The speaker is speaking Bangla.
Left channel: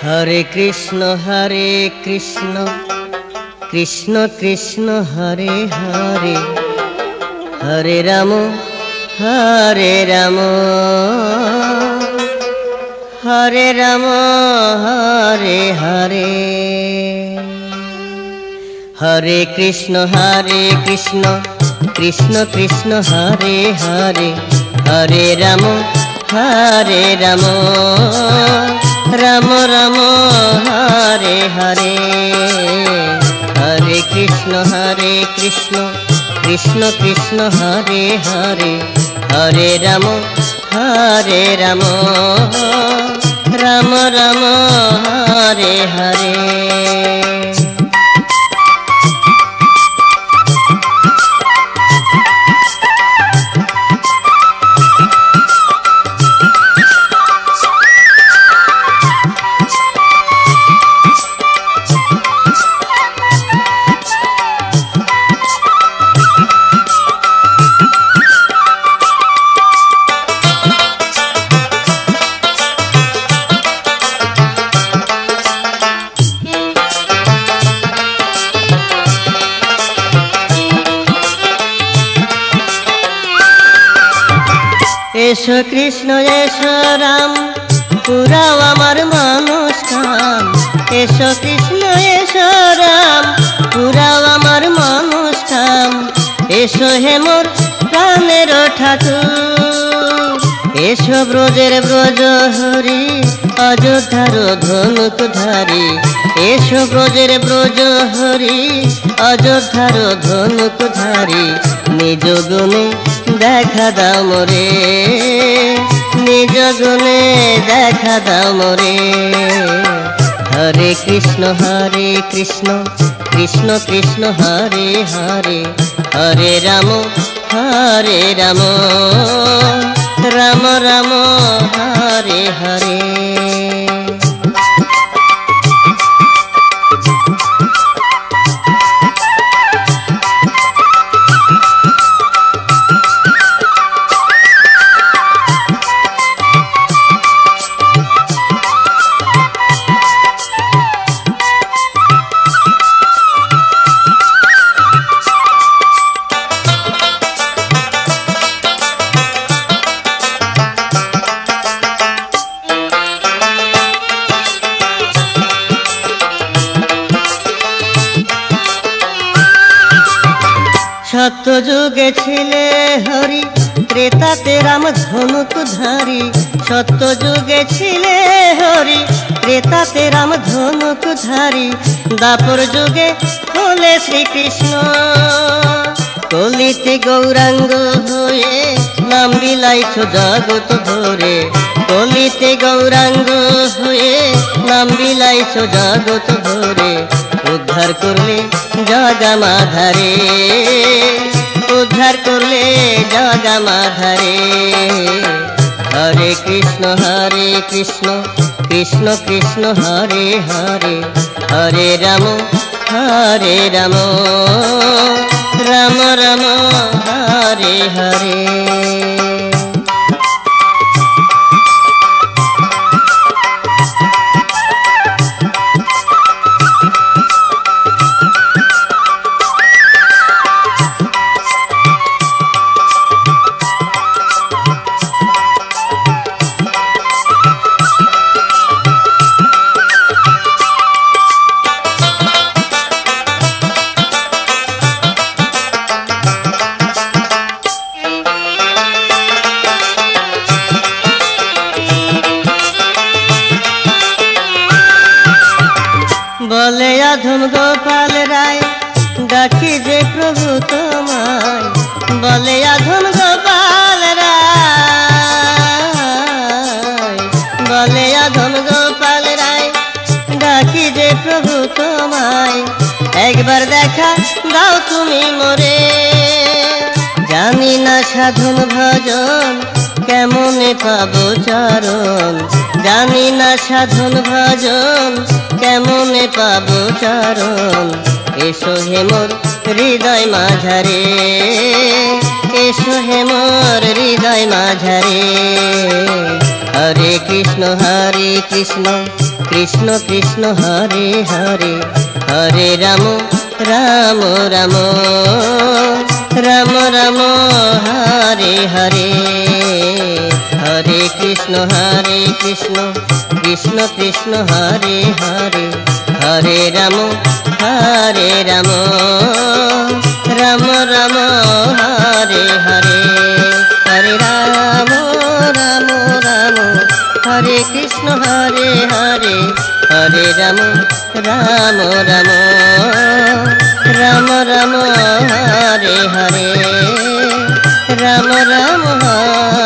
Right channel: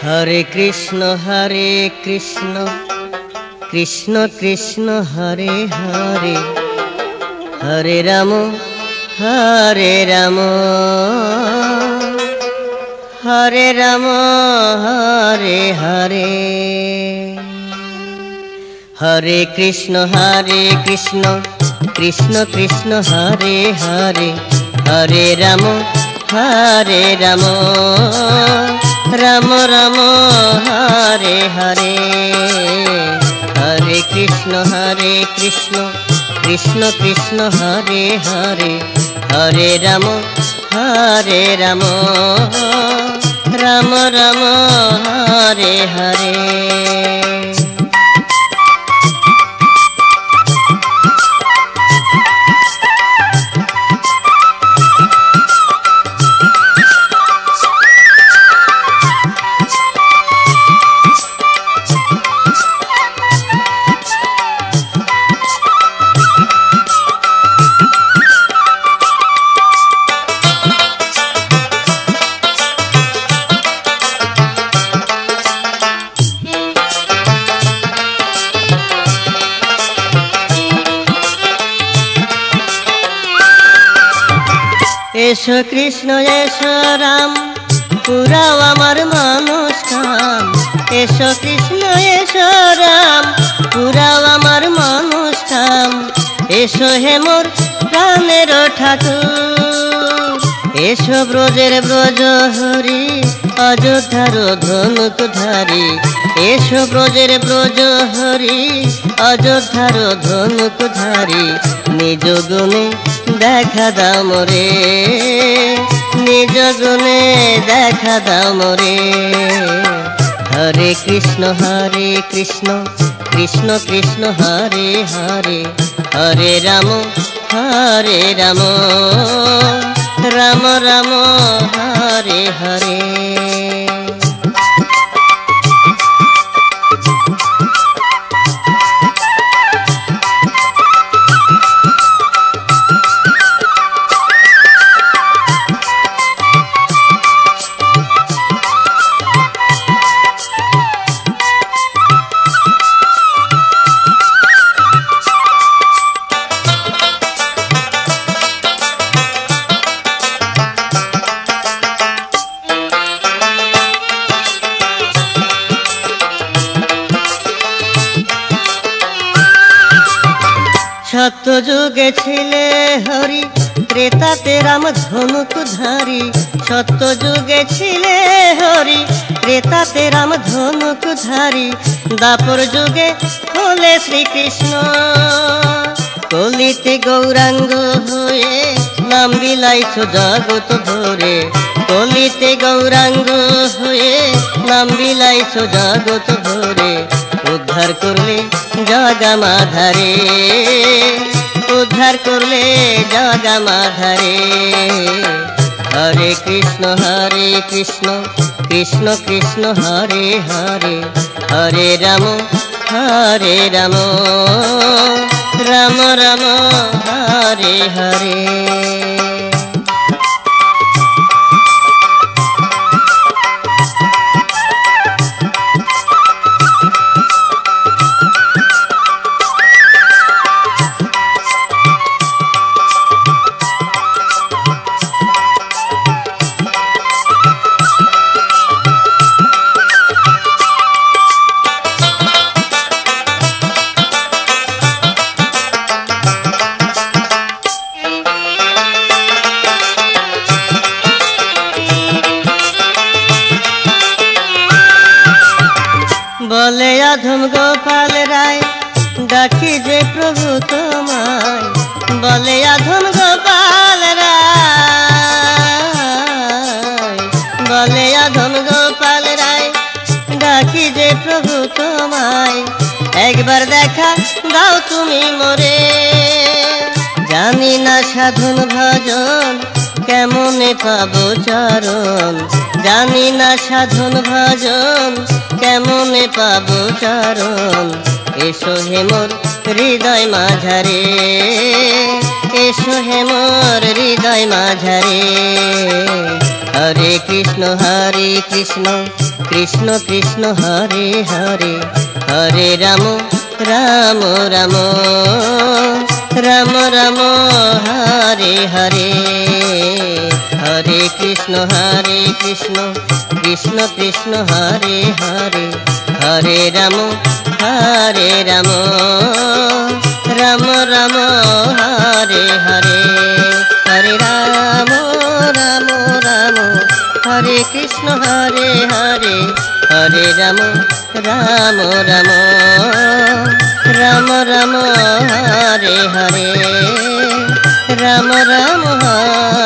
हरे कृष्ण कृष्ण कृष्ण हरे हरे, हरे राम हरे राम हरे राम हरे हरे, हरे कृष्ण कृष्ण कृष्ण हरे हरे, हरे राम राम राम हरे हरे, हरे कृष्ण कृष्ण कृष्ण हरे हरे, हरे राम राम राम हरे हरे। एसो कृष्ण एसो राम पुराओ आमार मानुषकाम, एसो कृष्ण एसो राम पुराओ आमार मानुषकाम, एसो हे मोर प्राणेर ठाकुर, एसो ब्रजेर ब्रज हरि अयोध्यार धनुकधारी, एसो ब्रजेर ब्रज हरि अयोध्यार धनुकधारी, निज गुणे দেখা দাও মোরে, নিজ গুণে দেখা দাও মোরে। হরে কৃষ্ণ কৃষ্ণ কৃষ্ণ হরে হরে, হরে রাম রাম রাম হরে হরে। सत्य जुगे छिले हरि त्रेताते राम धनुकधारी, सत्य जुगे छिले हरि त्रेताते राम धनुकधारी, दापर जुगे हले श्री कृष्ण कलिते गौरांग हये नाम বিলাইছো जगत भरे, कलिते गौरांग हये नाम বিলাইছো जगत भरे, उद्धार करले जगा माधारे, उद्धार करले जगा माधारे। हरे कृष्ण कृष्ण कृष्ण हरे हरे, हरे राम राम राम हरे हरे। बोले अधम गोपाल राय डाकी जे प्रभु तोमाय, बोले अधम गोपाल राय, बोले अधम गोपाल राय डाकी जे प्रभु तोमाय, एक बार देखा दाओ तुमी मोरे, जानी ना साधन भजन केमने पाबो चरण, जानी ना साधन भजन केमने पाबो चरण, एसो हे मोर हृदय माझारे, एसो हे मोर हृदय माझारे। हरे कृष्ण কৃষ্ণ কৃষ্ণ হরে হরে হরে রাম রাম রাম রাম রাম হরে হরে হরে কৃষ্ণ কৃষ্ণ কৃষ্ণ হরে হরে হরে রাম রাম রাম হরে হরে হরে রাম রাম রাম হরে কৃষ্ণ হরে হরে হরে রাম রাম রাম রাম রাম হরে হরে রাম রাম হরে